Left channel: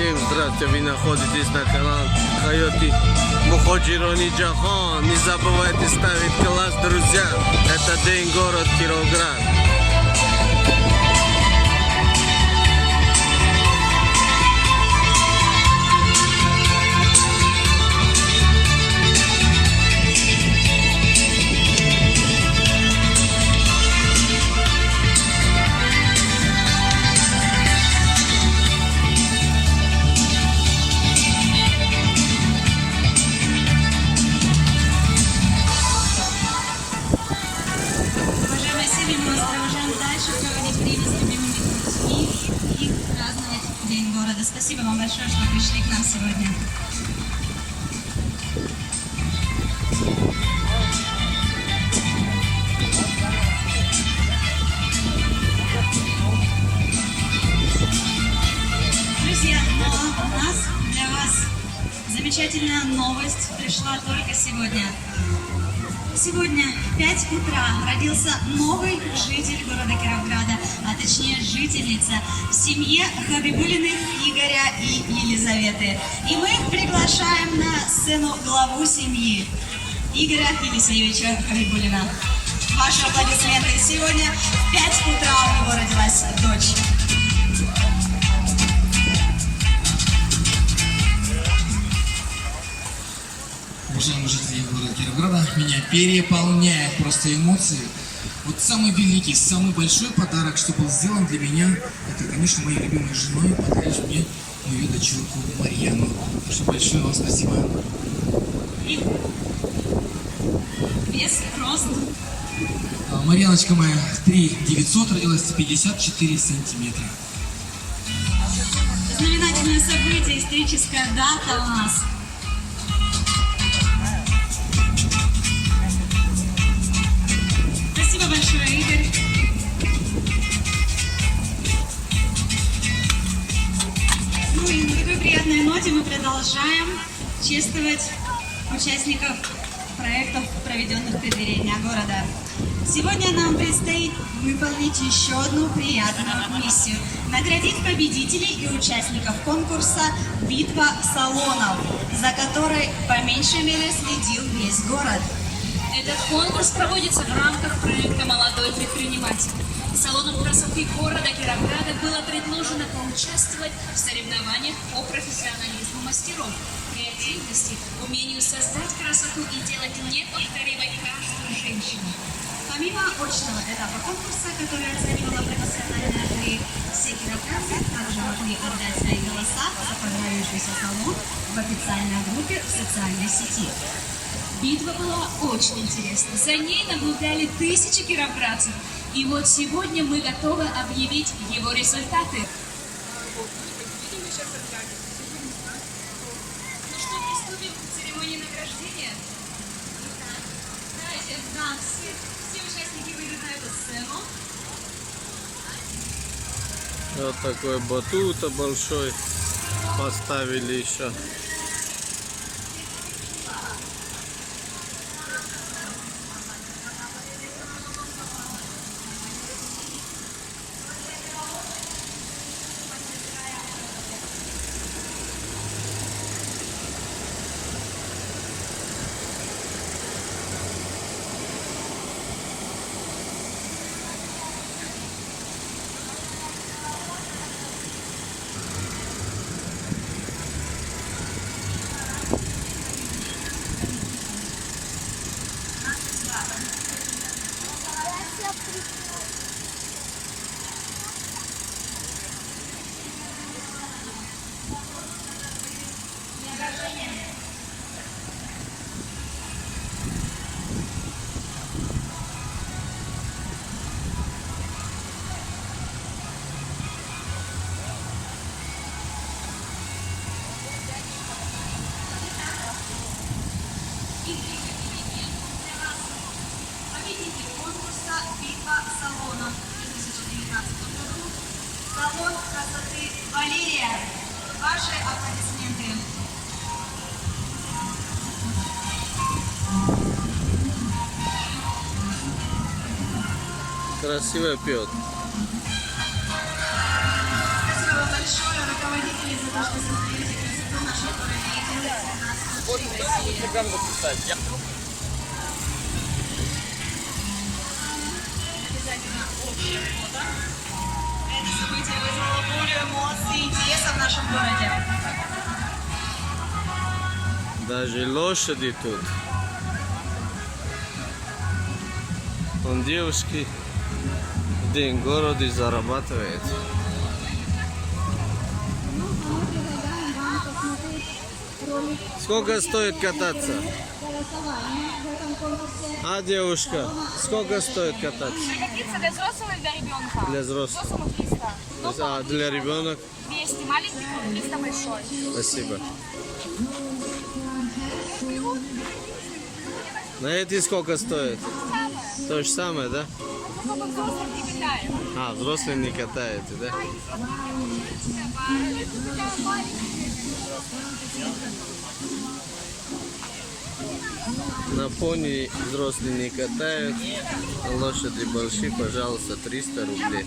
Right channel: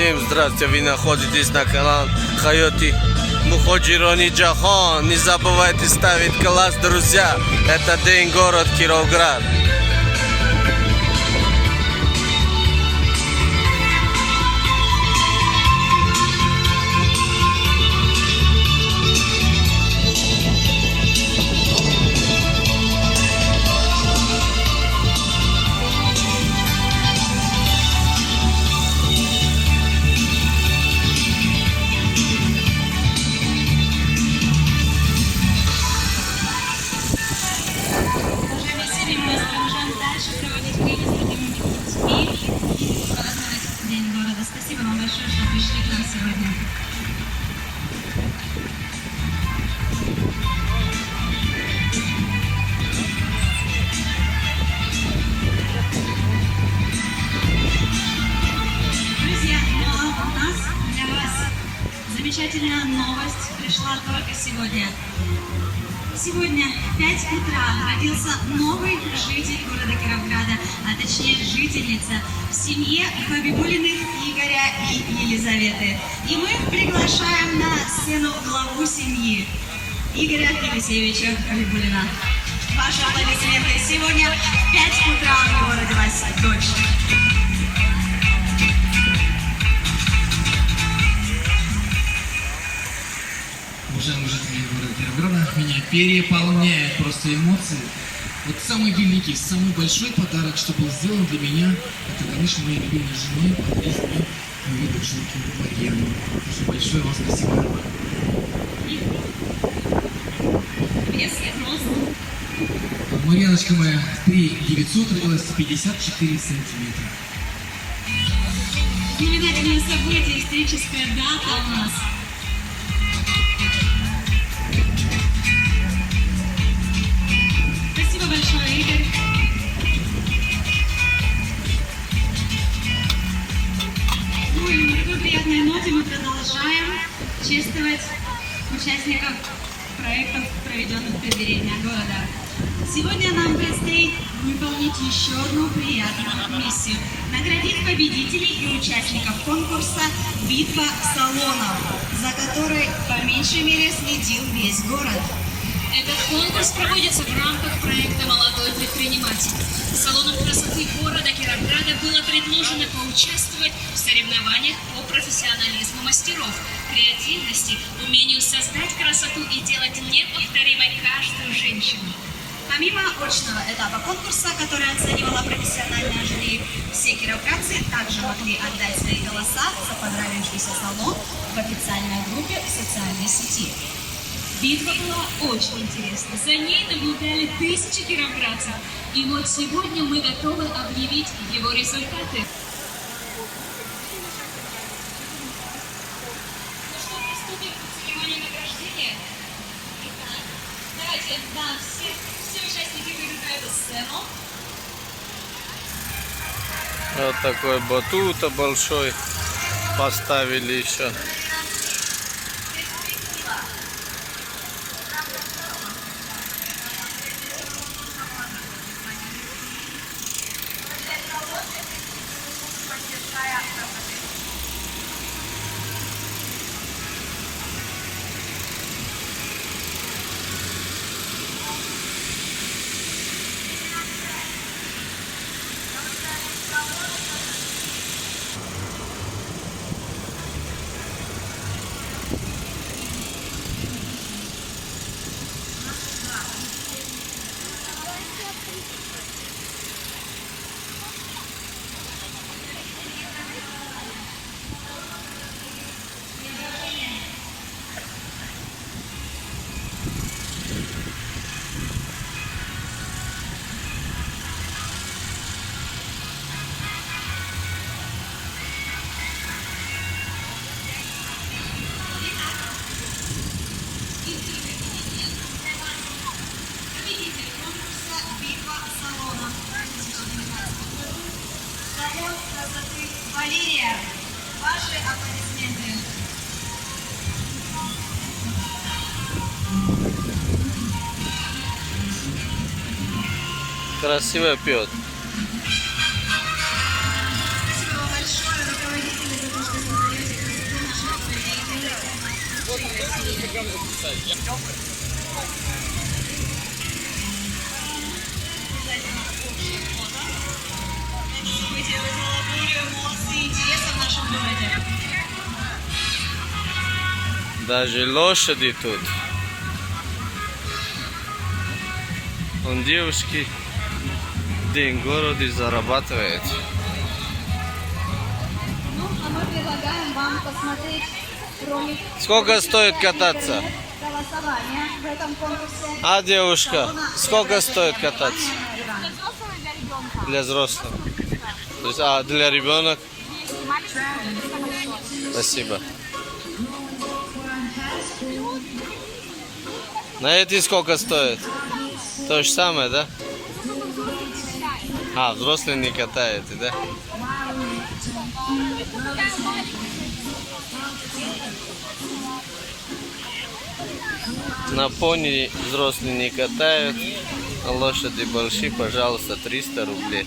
Всем здравствуйте, вы находитесь на канале Хайоти Муходжирони Джахон. Не забывайте ставить класс, друзья. Это день город Кировград. Мы вас провожаем дальше, проводить время с любимыми людьми и праздновать День города. Спасибо вам большое, что пришли к нам сегодня. Друзья, но у нас для вас замечательная новость пришла только сегодня. Сегодня в 5 утра родился новый житель города Кировграда, а точнее жительница в семье Хабибулиных Игоря и Елизаветы. И мы приглашаем на сцену главу семьи Игоря Елисеевича Хабибулина. Ваши аплодисменты. Сегодня в 5 утра у него родилась дочь. Уважаемые жители города Кировграда, меня переполняют просто эмоции. Вот самый великий, самый большой подарок, что был сделан для меня, это, конечно, моей любимой женой подарить мне мою дочурку Марьяну. Так что большое вам спасибо. И вес, рост. Марьяночка моя 3900, родилась 54 сантиметра. Знаменательное событие, историческая дата у нас. Спасибо большое, Игорь. Ну и на такой приятной ноте мы продолжаем чествовать участников проектов, проведенных в преддверии Дня города. Сегодня нам предстоит выполнить еще одну приятную миссию. Наградить победителей и участников конкурса «Битва салонов», за которой по меньшей мере следил весь город. Этот конкурс проводится в рамках проекта «Молодой предприниматель». Салону красоты города Кировграда было предложено поучаствовать в соревнованиях по профессионализму мастеров, креативности, умению создать красоту и делать неповторимой каждую женщину. Помимо очного этапа конкурса, который оценивала профессиональная жюри, все кировградцы также могли отдать свои голоса за понравившийся салон в официальной группе в социальной сети. Битва была очень интересна. За ней наблюдали тысячи кировградцев. И вот сегодня мы готовы объявить его результаты. Ну что, приступим к церемонии награждения? Давайте, да, все участники выйдут на эту сцену. Вот такой батут большой поставили еще. Победитель конкурса «Битва салонов» в 2019 году. Салон красоты Валерия. Ваши аплодисменты. Красиво пьет. Спасибо вам большое, руководители, за то, что Обязательно общее фото. Это событие вызвало бурю эмоций и интереса в нашем городе. Даже лошади тут. Он девушки в день города зарабатывает. Ну, а мы предлагаем вам посмотреть ролик Сколько стоит кататься? голосования в этом конкурсе. А, девушка, сколько стоит кататься? Для взрослого и для ребенка. Для взрослых. Взрослому 300. То есть, а для ребенок? 200 маленький, 300 большой. Спасибо. На эти сколько стоит? То же самое, да? Зато взрослый не катает. А, взрослые не катаете, да? На пони взрослые не катают, а лошади большие, пожалуйста, 300 рублей.